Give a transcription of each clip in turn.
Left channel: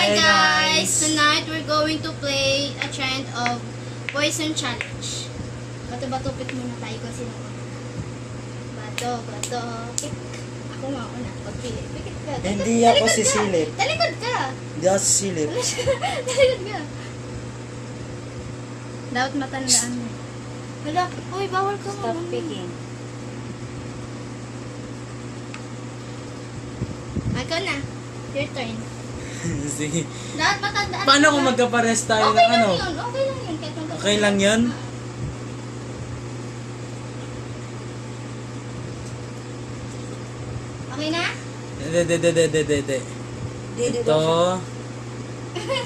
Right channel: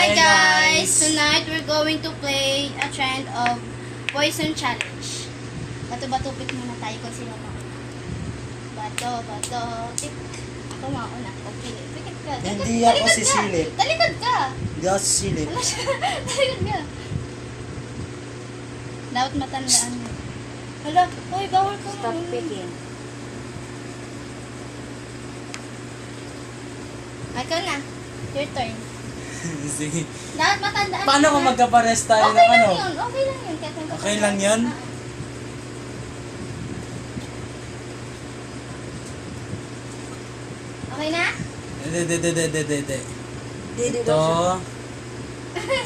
Hi guys! Tonight we're going to play a trend of poison challenge. Bato-bato pick muna tayo kasi ako. Bato. Pick. Ako mauna. Pagpili. Pikit ka. Hindi ako sisilip. Talikod ka. Hindi ako sisilip. Talikod ka. Dapat matandaan mo. Hala, uy, bawal ka. Stop picking. Ikaw na. Your turn. Sige. Dapat matandaan. Paano kung magkapares tayo Okay ng lang ano? yun. Okay lang yun. Okay lang yun? Okay na? Hindi. Didi Ito.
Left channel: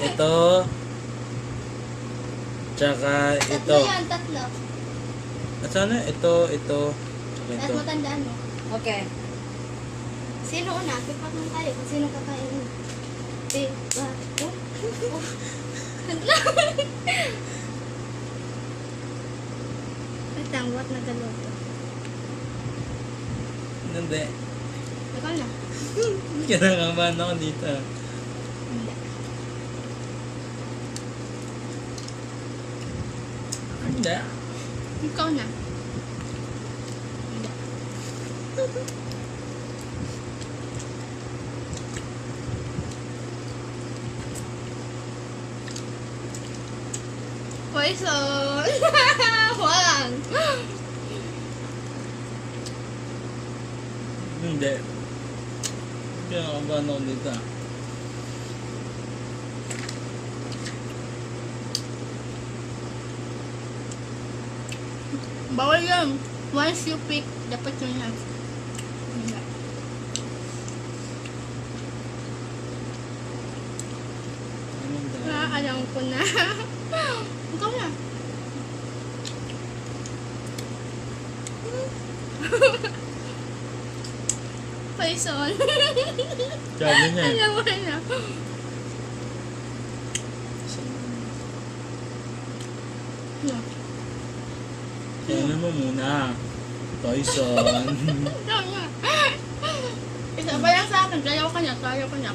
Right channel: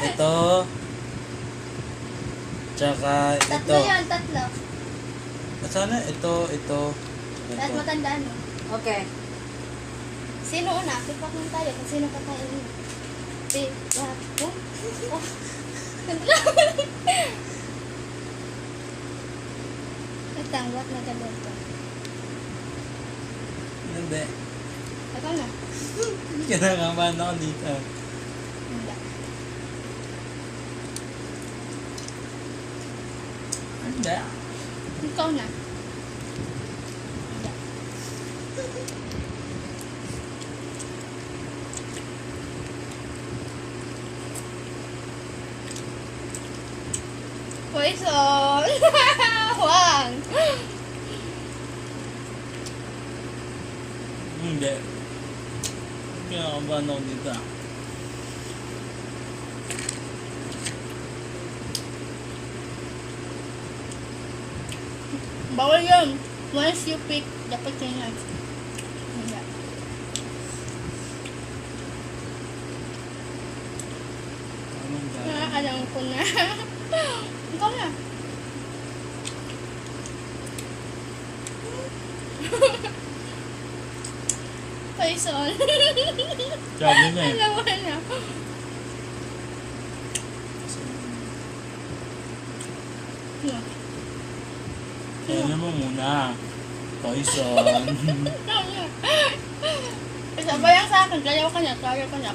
Ito. Tsaka Tatlo ito. yan, tatlo. At sana ito. Dapat Ito. matandaan mo. Okay. Sino una? Pipat lang tayo kung sino kakainin. What na galoto? Hindi. Ikaw na. Kinakabahan ako dito. Hindi. Hindi. Ikaw na. Hindi. Poison! Huwag! Hindi. Kinakabahan ako dito. Bawal yun. Once you pick, dapat yun yan. Hindi. Anong dahil? Alam ko na. Ikaw na. Poison. Sabi niya eh. Alam mo na. No. Ano mo muna? Poison. Isabayang sa akin, tayo ka niya,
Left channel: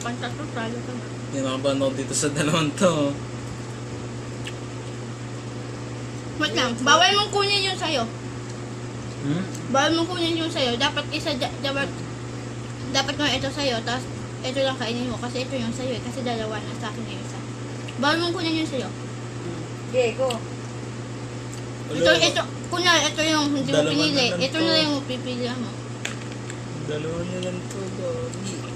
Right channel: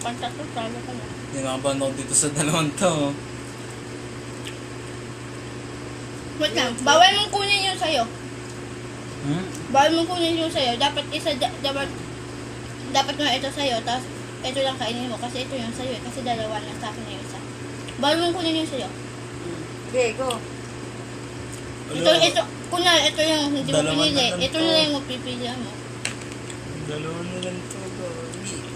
pantatlo, tayo ka niya. Kinakabahan ako dito sa dalawang to. Wait lang, bawal mong kunin yung sayo. Bawal mong kunin yung sayo. Dapat dapat mo ito sayo, tapos ito lang kainin mo. Kasi ito yung sayo eh. Kasi dalawa na sa akin na yung isa. Bawal mong kunin yung sayo. Okay, go. Ito, kunyari, ito yung hindi mo Dalawa pinili. na lang Ito to. na lang yung pipili mo. Dalawa na lang to, Gabi.